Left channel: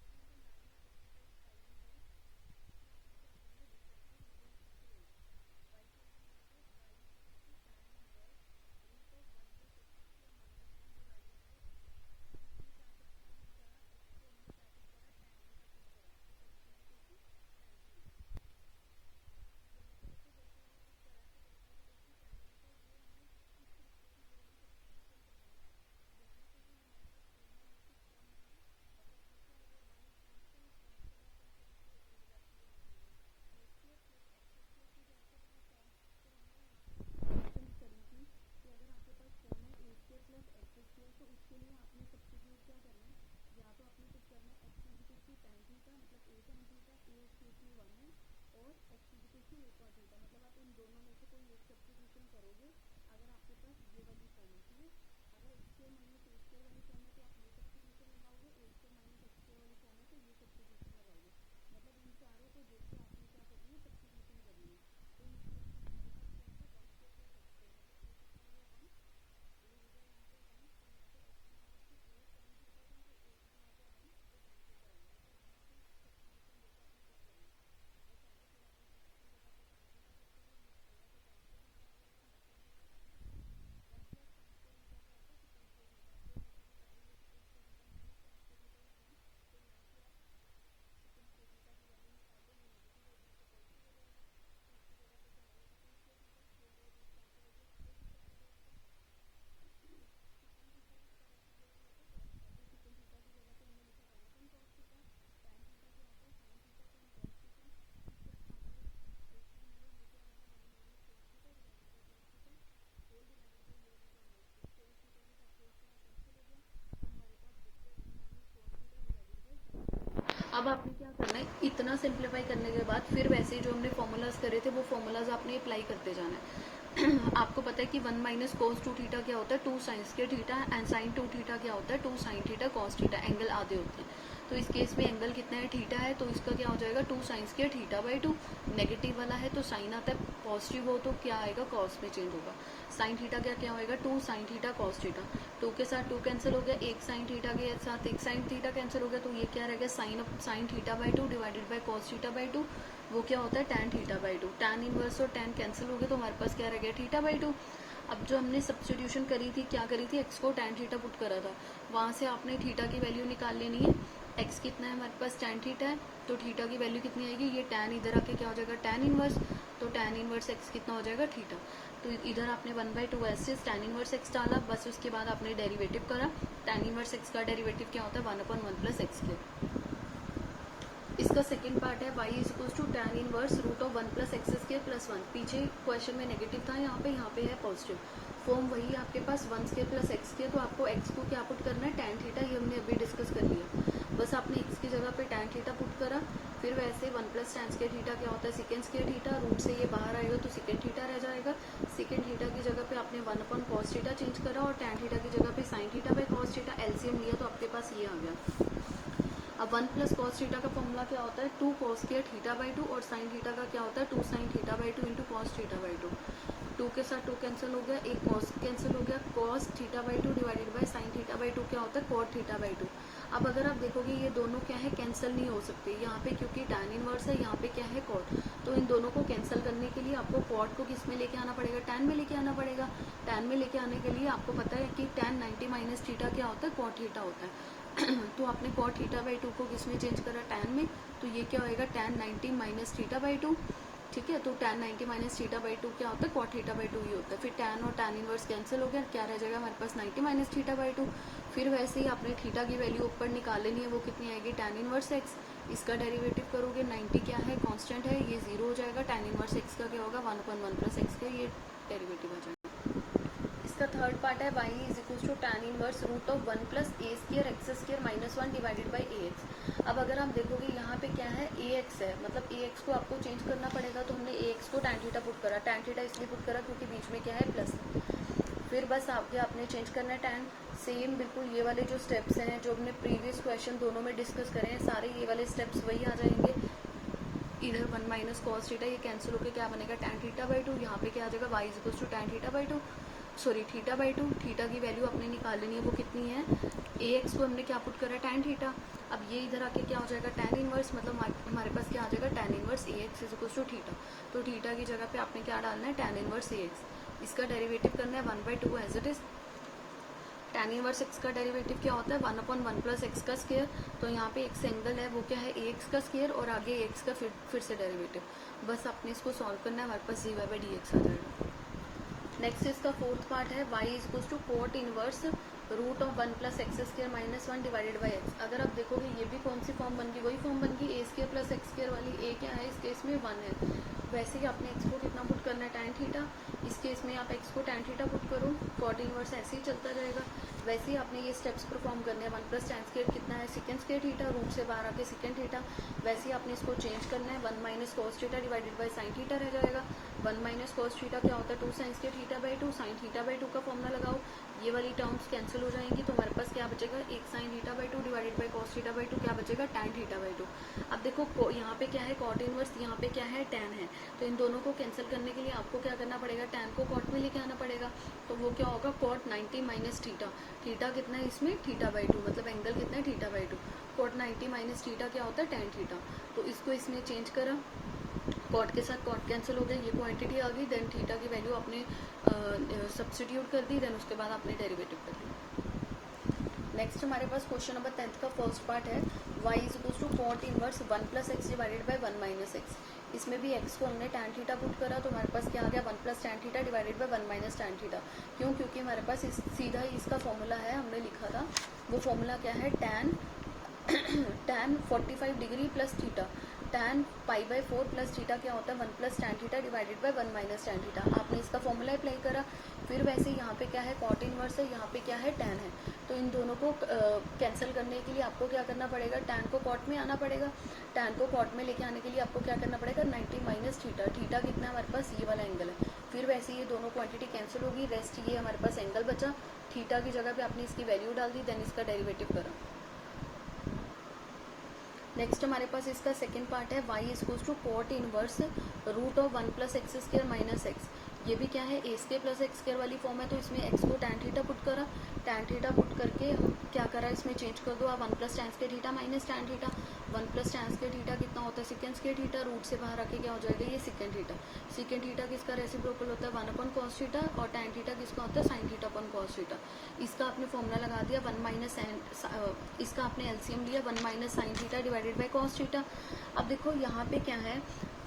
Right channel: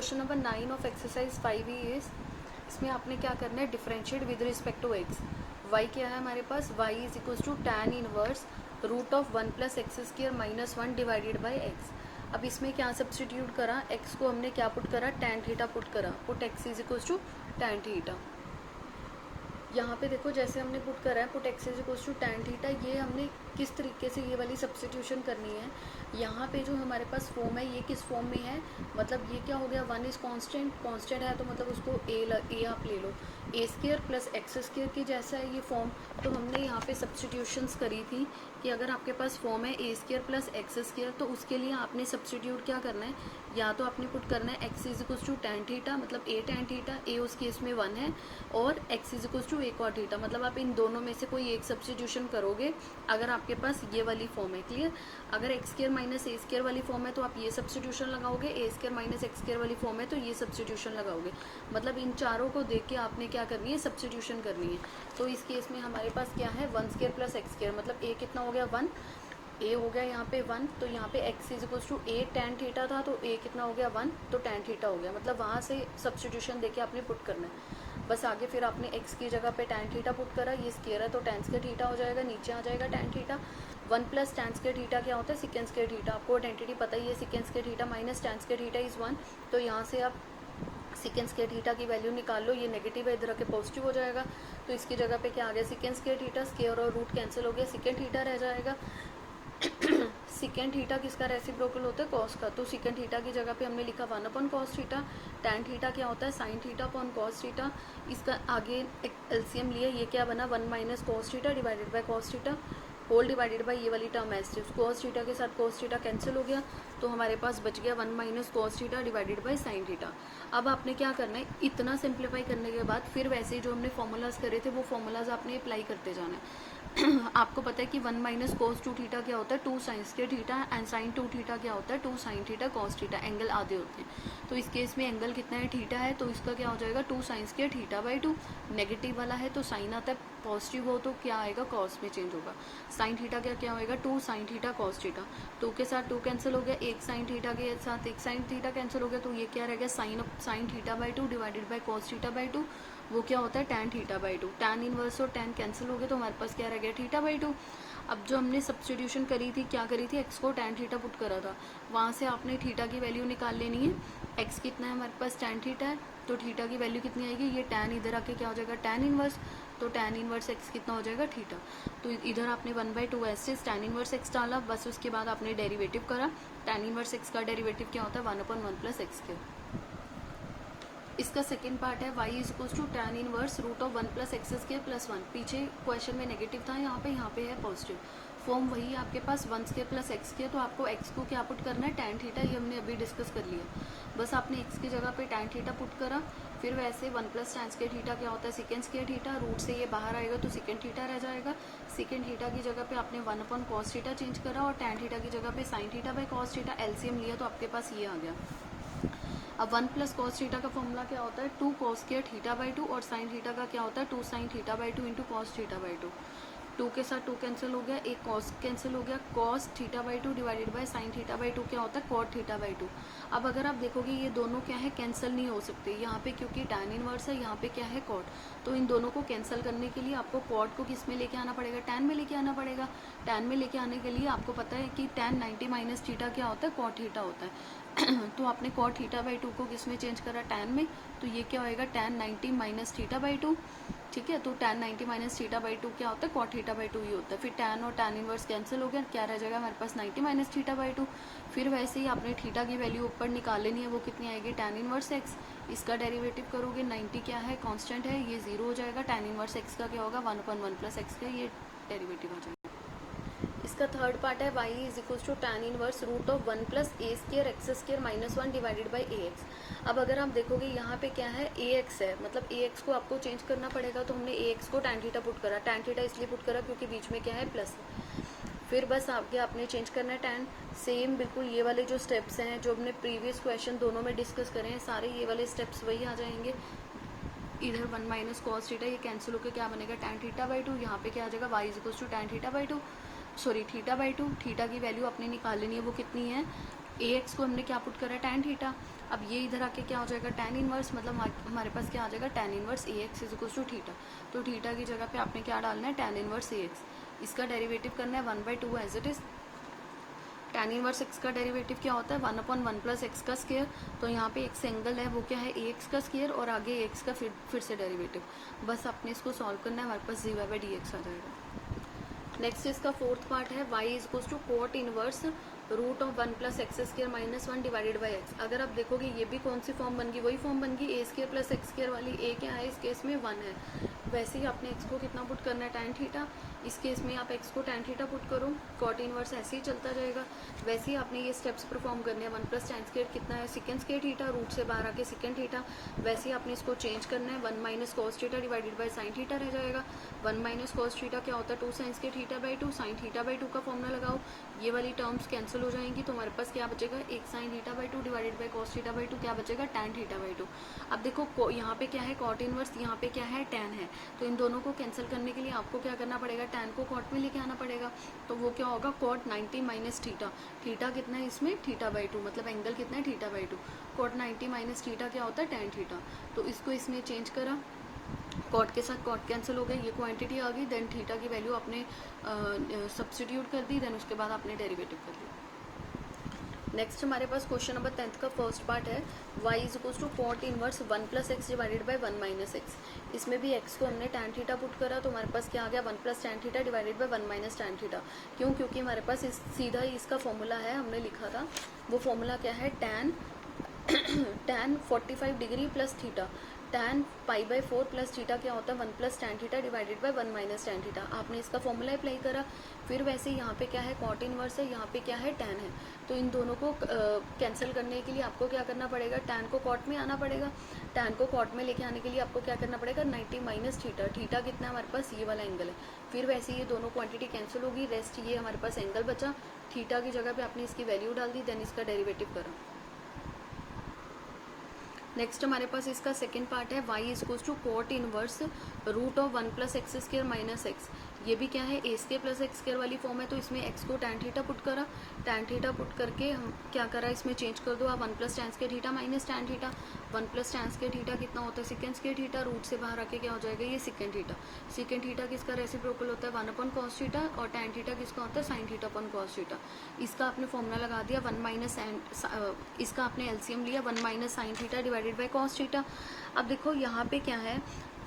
Question number 9 of exercise 5 is, इसमें आपने क्या करना है, differentiate with respect to X. Y क्या है हमारे पास, Y is equals to tan inverse root of 1 plus x square minus 1 divided by X. अब इसमें क्या सब्सटीट्यूट करा, एक्स को हमने क्या पुट करा, tan थीटा पुट करा, put x is equals to tan theta. यहाँ पे देखो जैसे हमने पुट करा है put x is equals to tan theta, ये हमने किस तरीके से ये वाली सब्सटीट्यूशन करनी है। यहाँ पे जो हमारे पास फॉर्म है ये किस फॉर्म में है, मतलब ये क्या हो गया, 1 इज कांस्टेंट है तो मतलब उसको ए आप ले लो, ए स्क्वायर प्लस एक्स स्क्वायर की जैसा है ये फॉर्म। तो हमने यहाँ पे सब्सटीट्यूशंस करी थी कि अगर आपके पास फॉर्म है ए स्क्वायर प्लस एक्स स्क्वायर तो उसके लिए आपने सब्सटीट्यूट क्या करना है, या तो आपने पुट करना है x is equals to tan theta, मतलब ए tan थीटा, ए उस केस में 1 है, और x is equals to a cot theta, मतलब आप इन दोनों में से कोई एक सब्सटीट्यूशन करोगे अगर आपके पास ये वाली फॉर्म है। क्लियर। अगर एक्स स्क्वायर माइनस ए स्क्वायर वाली फॉर्म है तो आप ये सब्सटीट्यूशन लगाओगे, ए स्क्वायर माइनस एक्स स्क्वायर वाली फॉर्म है तो ये सब्सटीट्यूशन लगाओगे। मतलब इन चारों को देख के आपने क्या करनी है, सब्सटीट्यूशन करनी है। तो इस केस में हमारे पास क्या है, 1 स्क्वायर प्लस एक्स स्क्वायर, मतलब ए कितना हो गया 1, ए हो गया यहाँ पे 1, तो यहाँ पे x is equals to a tan theta था तो a कितना हो गया 1, तो tan थीटा हो गया। मतलब वहाँ से सब्सटीट्यूशन देके आपने पुट करना है। बस आगे फिर आपने x की जगह पे tan थीटा पुट करा, ये स्क्वायर है तो tan स्क्वायर थीटा हो जाएगा, नीचे आ जाएगा tan theta. 1 plus tan square theta क्या होता है, सेकेंड स्क्वायर थीटा, आपको आइडेंटिटी पता ही है, second square theta minus tan square theta is 1। तो यहाँ से आप सेकेंड स्क्वायर थीटा की वैल्यू निकाल लो, ये नेगेटिव है इधर आके पॉजिटिव हो जाएगा, तो इसकी जगह पे क्या आ गया, सेकेंड स्क्वायर थीटा, स्क्वायर और रूट कैंसिल हो गया, सेकेंड थीटा रह जाएगा। सेकेंड थीटा किसका रेसिप्रोकल होता है, कॉस का, तो सेकेंड थीटा की जगह पे हमने लिखा 1 upon cos theta. tan theta क्या होता है, sine theta upon cos theta, इसका आगे एक एलसीएम लिया, ये क्या बना 1 minus cos theta divided by cos theta whole divided by ये वाली टर्म एस थी, कॉस थीटा के साथ कॉस थीटा कैंसिल हो गया, तो हमारे पास बच गया 1 minus cos theta divided by sine theta. अब आपने क्या करना है, इतना सिंप्लीफाई करने के बाद फिर वैसे जो हमने फॉर्मूलाज करे थे वो फॉर्मूलाज आपने अप्लाई करते जाना है। आपको पता है कि 1 माइनस कोस 2 थीटा क्या होता है, 2 sine square theta, and sine 2 theta क्या होता है, 2 sine theta cos theta, angle आधे होते हैं। तो इस केस में एंगल कितना है, थीटा है, तो इसका क्या हो जाएगा 2 sine square theta by 2। Negative वाला है तो साइन आता है, पॉजिटिव हो तो क्या आएगा, कॉस में चेंज होगा। साइन थीटा क्या क्या होएगा, 2 साइन थीटा कॉस थीटा, 2 के साथ 2 कैंसिल हो गया, एक साइन थीटा के साथ एक साइन थीटा कैंसिल हो गया, तो ये क्या रहेगा, sine theta by 2 divided by cos theta by 2, वो क्या होता है tan theta by 2। tan inverse और tan कैंसिल हो गए तो हमारे पास क्या रह गया, थीटा बाई 2। अब जो हमने सब्सटीट्यूशन करी थी, क्या करी थी, x को tan थीटा पुट करा था, वहां से आपने थीटा की वैल्यू निकाल लेनी है। x कितना है हमारे पास, tan थीटा है, तो थीटा की वैल्यू कितनी आएगी, ये tan इधर आके क्या हो जाएगा tan इनवर्स, तो tan इनवर्स x कितना हो जाएगा, थीटा। तो इधर आपने 1/2 ऐसे tan इनवर्स x डाला, बस उसके बाद आपने डेरिवेटिव करा। tan इनवर्स x का डेरिवेटिव क्या होता है, 1/1 प्लस एक्स स्क्वायर। इसका सेकंड पार्ट है y is equals to tan inverse root of 1 plus x square plus 1। पीछे क्वेश्चन में नेगेटिव था, यहाँ पे है पॉजिटिव। फॉर्म वही है आपके पास 1 स्क्वायर प्लस एक्स स्क्वायर, तो आपको x को क्या पुट करना है, tan थीटा, ये हमने अभी डिस्कस कर लिया। बस आपने x की जगह पे tan थीटा पुट करा, फिर वैसे 1 प्लस tan स्क्वायर थीटा क्या होता है, सेकेंड स्क्वायर थीटा, रूट से ये बाहर आएगा तो सेकेंड थीटा रह जाएगा। सेकेंड थीटा की जगह पे आपने 1 अपॉन कॉस थीटा चेंज करा, और tan थीटा की जगह पे sine theta by cos theta, LCM लिया तो आपके पास ये आ गया। अब 1 प्लस कॉस थीटा का फॉर्मूला क्या होता है, 2 कॉस स्क्वायर थीटा बाई 2, और साइन थीटा का क्या होता है, 2 sine theta by 2 into cos theta by 2। 2 के साथ 2 कैंसिल हो गया, एक कॉस कैंसिल हो गया, cos theta by 2 divided by sine theta by 2 क्या होता है, कॉट थीटा बाई 2। अब अगर आप देखोगे ये दोनों क्या है, कैंसिल नहीं हो सकते यहाँ पे, क्योंकि tan इनवर्स है, यहाँ पे क्या है कॉट, तो इन दोनों को कैंसिल करने के लिए आपको कॉट को किस में लेके आना पड़ेगा, tan में लेके आना पड़ेगा। tan में लेके आने के लिए आपको पता है कि tan 90 माइनस थीटा क्या होता है, कॉट थीटा होता है। तो आपने कॉट थीटा बाई 2 को किस में चेंज करा, tan में, तो ये क्या होएगा tan 90 माइनस थीटा बाई 2। ठीक है, तो tan 90 माइनस थीटा बाई 2 क्या होता है, कॉट थीटा बाई 2 ही होता है। फिर tan और tan इनवर्स कैंसिल हो गया, क्या रह जाएगा हमारे पास 90 माइनस थीटा बाई 2। फिर वैसे ही आपने थीटा की वैल्यू ऊपर निकाल लेनी है, वो कितनी आएगी, tan इनवर्स x, इसका डेरिवेटिव करोगे, 90 क्या है, कांस्टेंट है, ये 0 हो जाएगा। tan इनवर्स x का क्या होगा, 1/1 प्लस एक्स का, ये डेरिवेटिव हो जाएगा। इसका थर्ड पार्ट है y is equals to tan inverse root of 1 plus a square x square minus 1 divided by a x. अब अगर आप देखोगे यहाँ पे क्या है, ए एक्स है, मतलब ए एक्स को आपको चेंज करना पड़ेगा, तो हमने ए एक्स को tan थीटा पुट करा। tan थीटा इसलिए पुट करा क्योंकि बीच में क्या है, प्लस। फिर बस आपके आपने चेंज करना है tan, सेम बिल्कुल ये वाले जो स्टेप्स हैं जो हमने प्रीवियस क्वेश्चन दोनों में डिस्कस करे हैं, सारे ये वाले स्टेप्स वही आ जाएंगे। इधर 1 माइनस कॉस थीटा, ये कैंसिल होकर क्या बनेगा, tan थीटा बाई 2, यहाँ पे क्या आ जाएगा, y is equals to tan theta by 2। Sorry theta by two, theta की वैल्यू आपने निकाल लेनी है, वो कितनी है, ए एक्स को हमने क्या पुट करा, टैन थीटा। अब ये इधर आके क्या हो जाएगा, टैन इनवर्स, मतलब हमारे पास क्या आ जाएगा, tan inverse a x is equal to theta. तो थीटा की जगह पे आपने क्या डालना है, टैन इनवर्स ए एक्स। इसका डेरिवेटिव करना है 1/2 as it is. Tan inverse x का डेरिवेटिव क्या होता है, 1/1 प्लस एक्स का स्क्वायर। तो यहाँ पे एक्स एंगल है वो क्या है, ए एक्स का स्क्वायर, और आगे एक्स का फिर से डेरिवेटिव। बस आपने इसको सॉल्व करना है, हमारे पास dy बाई डी एक्स आ जाएगा। नेक्स्ट इसका फोर्थ पार्ट है y is equal to cot inverse root of 1 plus x square minus 1 divided by x. अगर आप देखोगे ये भी कौन सी फॉर्म बन गई, वही फॉर्म बन गई ए स्क्र प्लस एक्स स्क्र वाली। ए क्या है, इस केस में 1 है। वैसे ही आपने एक्स को कितना पुट करना है, टैन थीटा। इस केस में आप एक्स को टैन थीटा पुट करो, कॉट इनवर्स ऐसे ही चलता जाएगा। वैसे ही आपने ये स्टेप्स परफॉर्म करने हैं। 1 प्लस टैन स्क्र कितना है, सेकंड स्क्र थीटा, रूट से बाहर आके सेकंड थीटा। वैसे ही आपने इसको चेंज करना है, 1 minus cos theta divided by sine theta रह जाएगा। 1 माइनस कॉस थीटा क्या होता है, 2 sine square theta by 2, sine theta by 2 का फॉर्मूला लगाओ। ये वाली टर्म्स कैंसिल हो जाएंगी, तो हमारे पास क्या बचेगा, एक sine theta by 2 divided by cos theta by 2 क्या बचेगा, टैन थीटा बाई 2। अब देखो यहाँ पे क्या है, कॉट इनवर्स, यहाँ पे क्या है, टैन है। तो इन दोनों को कैंसिल करने के लिए आपको क्या करना पड़ेगा, टैन को कॉट में लेके आना पड़ेगा। तो वो क्या होगा, कॉट 90 माइनस थीटा। थीटा कितना है इसमें, थीटा बाई 2, मतलब एंगल कितना है, theta by 2। Cot 90 minus theta क्या होता है, टैन थीटा। तो इसको इसने चेंज करा, कॉट के साथ कॉट कैंसिल हो गए, ये क्वांटिटी आ गई। देन थीटा की वैल्यू आपने सब्स्टिट्यूट कर दी, देन उसके बाद आपने डेरिवेटिव कर लिया। नेक्स्ट हमारे पास क्वेश्चन नंबर 10 का फर्स्ट पार्ट है, y is equal to cot inverse 1 plus x divided by 1 minus x. इसमें भी x को हमने टैन थीटा पुट करा, तो हमारे पास क्या आ गया, 1 plus tan theta divided by 1 minus tan theta. क्यों, क्योंकि हमारे पास सीधा ही इसका फॉर्मूला है, हमने लिखा था। वो फॉर्मूला क्या है, tan 45 degree plus theta, tan pi by 4 plus theta क्या होता है, 1 plus tan theta divided by 1 minus tan theta. आपने इसका फॉर्मूला अप्लाई करा। फिर वैसे यहाँ पे क्या है, कॉट इनवर्स है, यहाँ पे क्या है, टैन है। तो इन दोनों को कैंसिल करने के लिए आपको क्या करना पड़ेगा, टैन को कॉट में आना पड़ेगा। टैन को कॉट में लेके आने के लिए आपको क्या करना पड़ेगा, 90 माइनस थीटा। थीटा कितना है हमारे पास, ये वाला एंगल है। फिर वैसे ये दोनों क्वांटिटी कैंसिल होगी, रेस्ट ये हमारे पास एंगल बचा। थीटा की जगह पे आपने इसकी वैल्यू डाल दी, देन इसका डेरिवेटिव करा। नेक्स्ट हमारे पास इसका सेकेंड पार्ट है, y is equal to cot inverse root of 1 plus x square minus x. ये भी क्या है, a square plus x square वाली फॉर्म है। तो इसमें x को टैन थीटा पुट करा, टैन थीटा पुट करके क्या करा, इसमें चेंज कर दो आप 1 plus tan square theta minus tan theta. 1 plus tan square theta कितना होता है, सेकंड स्क्र थीटा, रूट से बाहर आके क्या हो जाएगा, ये सेकंड थीटा। सेकंड थीटा किसका रेसिप्रोकल होता है, 1 कॉस थीटा, और टैन थीटा किसका होता है, साइन थीटा अपन कॉस थीटा। इसका आपने फॉर्मूला लगा दिया, 1 माइनस इसका आपने एलसीएम लिया, 1 minus sine theta divided by cos theta. अब देखो यहाँ पे क्या है,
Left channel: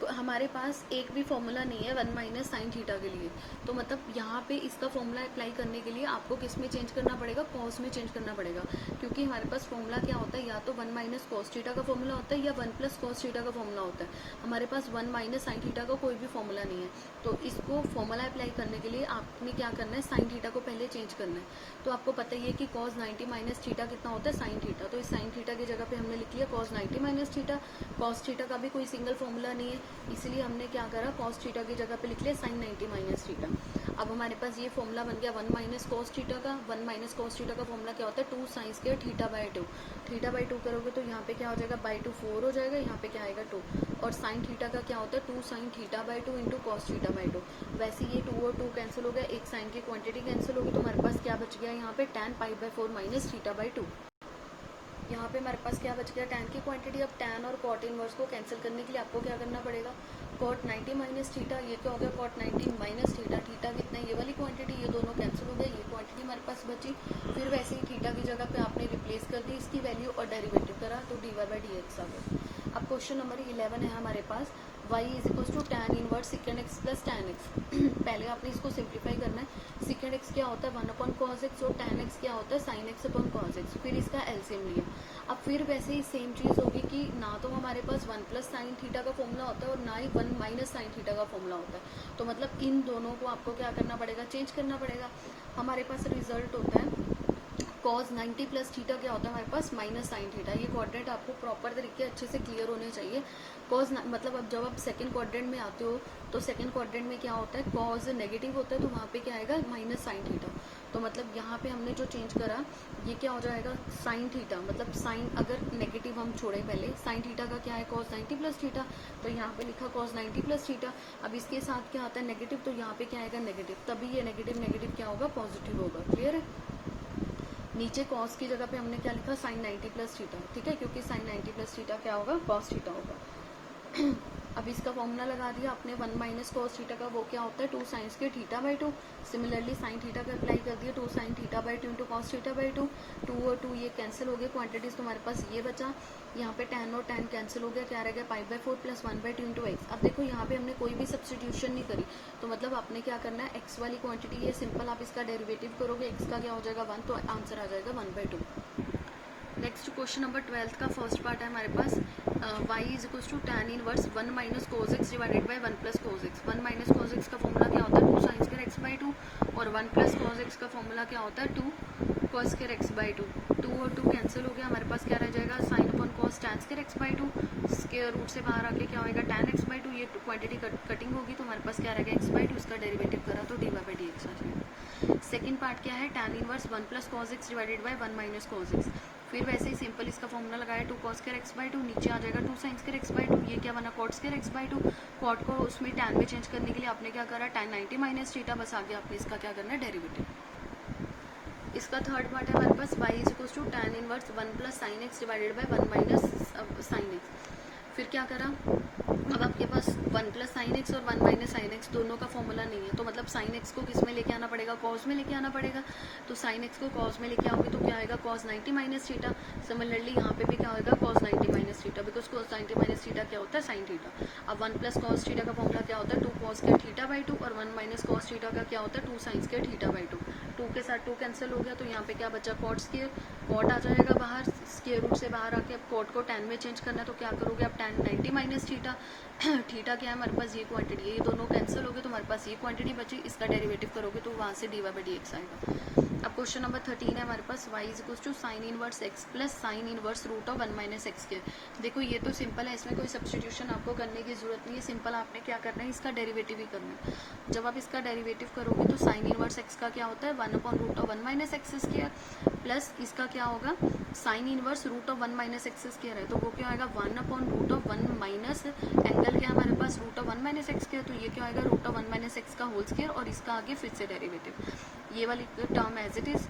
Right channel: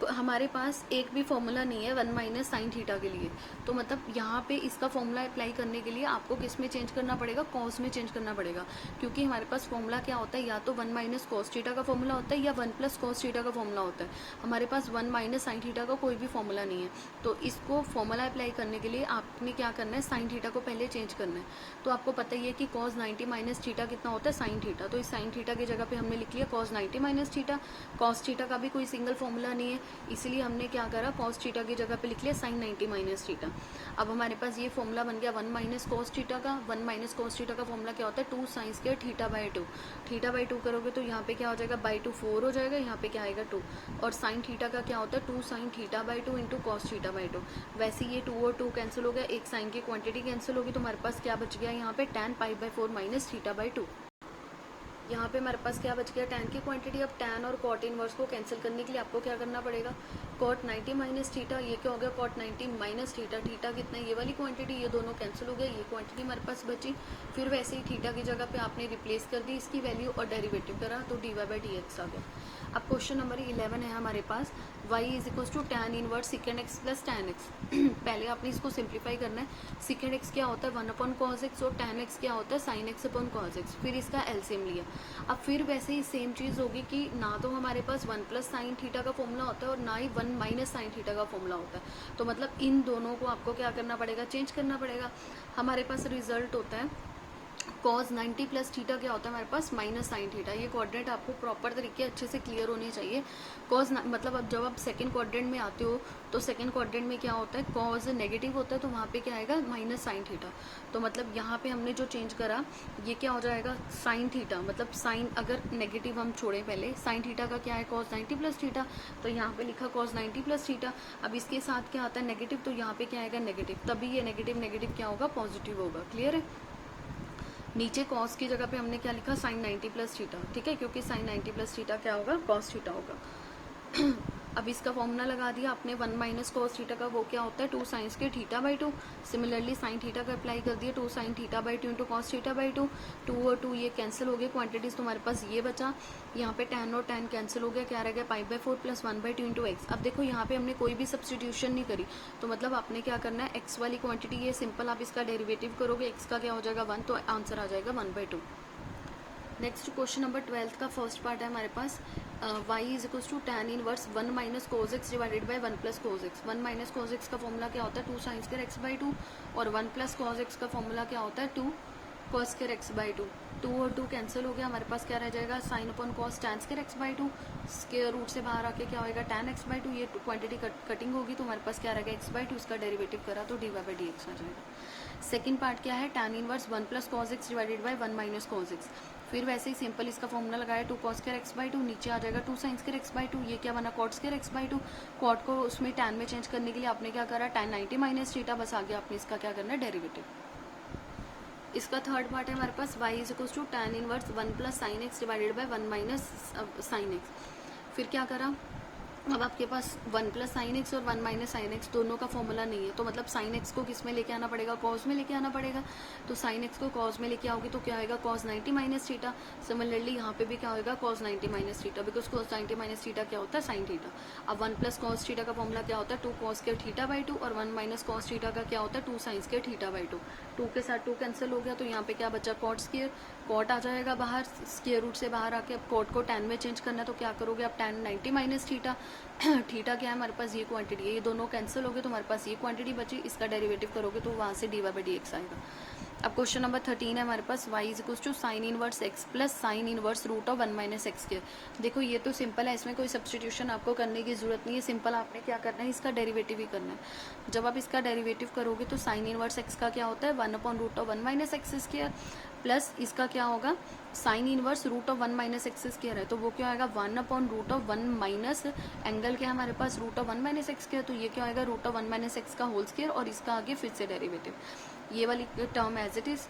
तो हमारे पास एक भी फॉर्मूला नहीं है 1 माइनस साइन थीटा के लिए। तो मतलब यहाँ पे इसका फॉर्मूला अप्लाई करने के लिए आपको किस में चेंज करना पड़ेगा, कॉस में चेंज करना पड़ेगा। क्योंकि हमारे पास फॉर्मूला क्या होता है, या तो 1 माइनस कॉस थीटा का फॉर्मूला होता है, या 1 प्लस कॉस थीटा का फॉर्मूला होता है। हमारे पास 1 माइनस साइन थीटा का कोई भी फॉर्मूला नहीं है। तो इसको फॉर्मूला अप्लाई करने के लिए आपने क्या करना है, साइन थीटा को पहले चेंज करना है। तो आपको पता ही है कि कॉस 90 माइनस थीटा कितना होता है, साइन थीटा। तो इस साइन थीटा की जगह पे हमने लिख लिया cos 90 minus theta. Cos theta का भी कोई सिंगल फॉर्मूला नहीं है, इसलिए हमने क्या करा, कॉस थीटा की जगह पे लिख लिया साइन 90 माइनस थीटा। अब हमारे पास ये फॉर्मूला बन गया 1 माइनस कॉस थीटा का। 1 माइनस कॉस थीटा का फॉर्मूला क्या होता है, 2 sine square theta by 2। Theta by 2 करोगे तो यहाँ पे क्या हो जाएगा, बाई 2 4 हो जाएगा, यहाँ पे क्या आएगा 2। और साइन थीटा का क्या होता है, 2 sine theta by 2 into cos theta by 2। वैसे ये 2 और 2 कैंसिल हो गया, एक साइन की क्वांटिटी कैंसिल होगी, तो हमारे पास क्या बच गया यहाँ पे, tan pi by 4 minus theta by 2। यहाँ पे हमारे पास क्या बच गया, टैन की क्वांटिटी। अब टैन और कॉट इनवर्स को कैंसिल करने के लिए आपको क्या करना पड़ेगा, कॉट 90 माइनस थीटा, ये क्या हो गया, कॉट 90 माइनस थीटा। थीटा कितना है, ये वाली क्वांटिटी, ये दोनों कैंसिल हो गए, ये क्वांटिटी हमारे पास बची। फिर वैसे ही थीटा की जगह पे आपने रिप्लेस कर दी इसकी वैल्यू और डेरिवेटिव करा, तो dy बाई डी एक्स आ गया। अब क्वेश्चन नंबर 11 है हमारे पास, y is equal to tan inverse second x plus tan x. पहले आपने इसको सिंप्लीफाई करना है। सेकेंड एक्स क्या होता है, 1 अपॉन कॉस एक्स, और टैन एक्स क्या होता है, sine x upon cos X. फिर इसका एलसीएम लिया। अब फिर वैसे ही सेम चीज होगी कि ना तो हमारे पास 1 प्लस साइन थीटा का फॉर्मूला होता है, और ना ही 1 माइनस साइन थीटा का फॉर्मूला होता है। तो मतलब इन दोनों को आपको क्या करना पड़ेगा, चेंज करना पड़ेगा। हमारे पास रिजल्ट होता है cos 90 प्लस थीटा क्या होता है हमारे पास माइनस साइन थीटा। ये क्वाड्रेंट आपको प्रॉपर तरीके अच्छे से क्लियर होने चाहिए। कॉज मतलब अब जब आप सेकंड क्वाड्रेंट में आते हो तो सेकंड क्वाड्रेंट में क्या होता है, कॉज नेगेटिव होता है तो वहाँ पे क्या आएगा माइनस साइन थीटा। तो मतलब यहाँ पे हमने जो चेंज करा ये क्या हो जाएगा साइन थीटा, मतलब साइन अगर नेगेटिव हम छोड़े पहले, साइन थीटा का क्या है कॉज 90 प्लस थीटा, तो यहाँ पे लिखा कॉज 90 प्लस थीटा। अब इसके साथ क्या आता है नेगेटिव, तो यहाँ पे क्या आएगा नेगेटिव, तभी ये नेगेटिव नेगेटिव क्या होगा पॉजिटिव होगा। क्लियर है। नीचे कॉस की जगह पे हमने क्या लिखा साइन 90 प्लस थीटा, ठीक है, क्योंकि साइन 90 प्लस थीटा क्या होगा कॉस थीटा होगा। अब इसका फॉर्मूला लगा दिया आपने 1 माइनस कॉस थीटा का, वो क्या होता है 2 साइन के theta by 2। Similarly sine theta का अप्लाई कर दिया 2 sine theta by 2 into cos theta by 2। 2 और 2 ये कैंसिल हो गए, क्वांटिटीज तुम्हारे पास ये बचा। यहाँ पे tan और tan कैंसिल हो गया, क्या रह गया pi by 4 plus 1/2 into x. अब देखो यहाँ पे हमने कोई भी सब्सटीट्यूशन नहीं करी, तो मतलब आपने क्या करना है एक्स वाली क्वांटिटी ये सिंपल आप इसका डेरिवेटिव करोगे, एक्स का क्या हो जाएगा 1, तो आंसर आ जाएगा 1/2। नेक्स्ट क्वेश्चन नंबर 12 का फर्स्ट पार्ट है हमारे पास y is equals to tan inverse 1 minus cos x divided by 1 plus cos x. 1 minus cos x का फॉर्मूला क्या होता है 2 साइन स्क्वायर एक्स बाई 2, और 1 प्लस कोज एक्स का फॉर्मूला क्या होता है 2 कॉस स्क्वायर एक्स बाई 2। 2 और 2 कैंसिल हो गया, हमारे पास क्या रह जाएगा sine upon cos tan square x by 2। Square root से बाहर आके क्या होगा tan एक्स बाई 2, ये क्वांटिटी कटिंग होगी तो हमारे पास क्या रहेगा एक्स बाई 2, इसका डेरिवेटिव करा तो D Y by D x आ जाएगा। सेकंड पार्ट क्या है tan inverse 1 plus cos X divided by 1 minus cos X. फिर वैसे ही सिंपल इसका फॉर्मूला लगाया 2 कॉस स्क्वायर एक्स बाई 2, नीचे आ जाएगा 2 साइन स्क्वायर एक्स बाई 2, ये क्या बना cot square x by 2। Cot को उसमें tan में चेंज करने के लिए आपने क्या करा tan 90 माइनस थीटा, बस आगे आपने इसका क्या करना है डेरिवेटिव। इसका थर्ड पार्ट है हमारे पास y is equal to tan inverse 1 plus sine x divided by 1 minus sine x. फिर क्या करा, अब आपके पास 1 प्लस साइन एक्स और 1 माइनस साइन एक्स दोनों का फॉर्मूला नहीं है, तो मतलब साइन एक्स को किस में लेके आना पड़ेगा कॉस में लेके आना पड़ेगा। तो साइन एक्स को कॉस में लेके आओगे तो क्या आएगा कॉस 90 माइनस थीटा। सिमिलरली यहाँ पे भी क्या होगा cos 90 minus theta, because cos 90 minus theta क्या होता है साइन थीटा। अब 1 प्लस कॉस थीटा का फॉर्मूला क्या होता है 2 कॉस के थीटा बाई 2, और 1 माइनस कॉस थीटा का क्या होता है 2 साइन के थीटा बाई 2। 2 के साथ 2 कैंसिल हो गया, तो यहाँ पे क्या बचा कॉट स्क्वायर, कॉट आ जाएगा बाहर, स्क्वायर रूट से बाहर आके अब कॉट को tan में चेंज करना है, तो क्या करोगे आप tan 90 माइनस थीटा। थीटा क्या है हमारे पास ये क्वांटिटी है, ये दोनों कैंसिल हो गए तो हमारे पास ये क्वांटिटी बची, इसका डेरिवेटिव करोगे तो वहां से d Y by D x आएगा। अब क्वेश्चन नंबर 13 है हमारे पास y is equal to sine inverse x plus sine inverse root of 1 minus x square. देखो ये तो सिंपल है, इसमें कोई सब्सटीट्यूशन आपको करने की जरूरत नहीं है, सिंपल आपने क्या करना है इसका डेरिवेटिव ही करना है। जब आप इसका डेरिवेटिव करोगे तो साइन इनवर्स x का क्या होता है 1 upon root of 1 minus x square, plus इसका क्या होगा sine inverse root of 1 minus x square है, तो वो क्या आएगा 1 upon root of 1 minus angle क्या है हमारे पास root of 1 minus x square, तो ये क्या आएगा रूट ऑफ 1 माइनस एक्स का होल स्क्वायर, और इसका आगे फिर से डेरिवेटिव। ये वाली term as it is,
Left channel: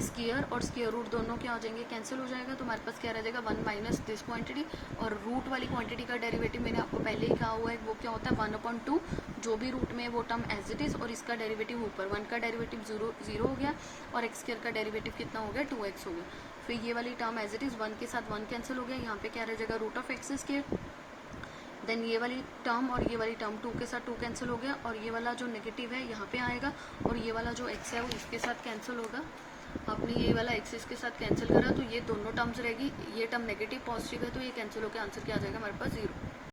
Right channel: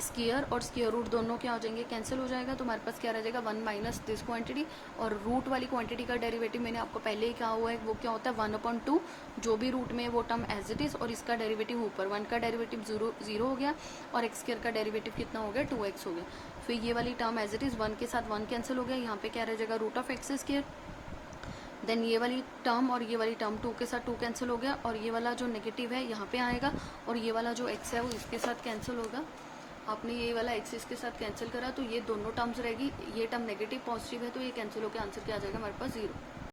square और स्क्वायर रूट दोनों क्या हो जाएंगे कैंसिल हो जाएगा, तो हमारे पास क्या रह जाएगा 1 माइनस दिस क्वांटिटी, और रूट वाली क्वांटिटी का डेरिवेटिव मैंने आपको पहले ही कहा हुआ है वो क्या होता है 1/2, जो भी रूट में वो टर्म एज इट इज, और इसका डेरिवेटिव ऊपर 1 का डेरिवेटिव 0 हो गया, और एक्स स्क्वायर का डेरिवेटिव कितना हो गया 2x हो गया। फिर ये वाली टर्म एज इट इज 1 के साथ 1 कैंसिल हो गया, यहाँ पे क्या रह जाएगा root of x square. Then ये वाली टर्म और ये वाली टर्म 2 के साथ 2 कैंसिल हो गया, और ये वाला जो नेगेटिव है यहाँ पे आएगा, और ये वाला जो x है वो इसके साथ कैंसिल होगा। आपने ये वाला x इसके साथ कैंसिल करा तो ये दोनों टर्म्स रहेगी, ये टर्म नेगेटिव पॉजिटिव है तो ये कैंसिल होकर आंसर क्या आ जाएगा हमारे पास 0।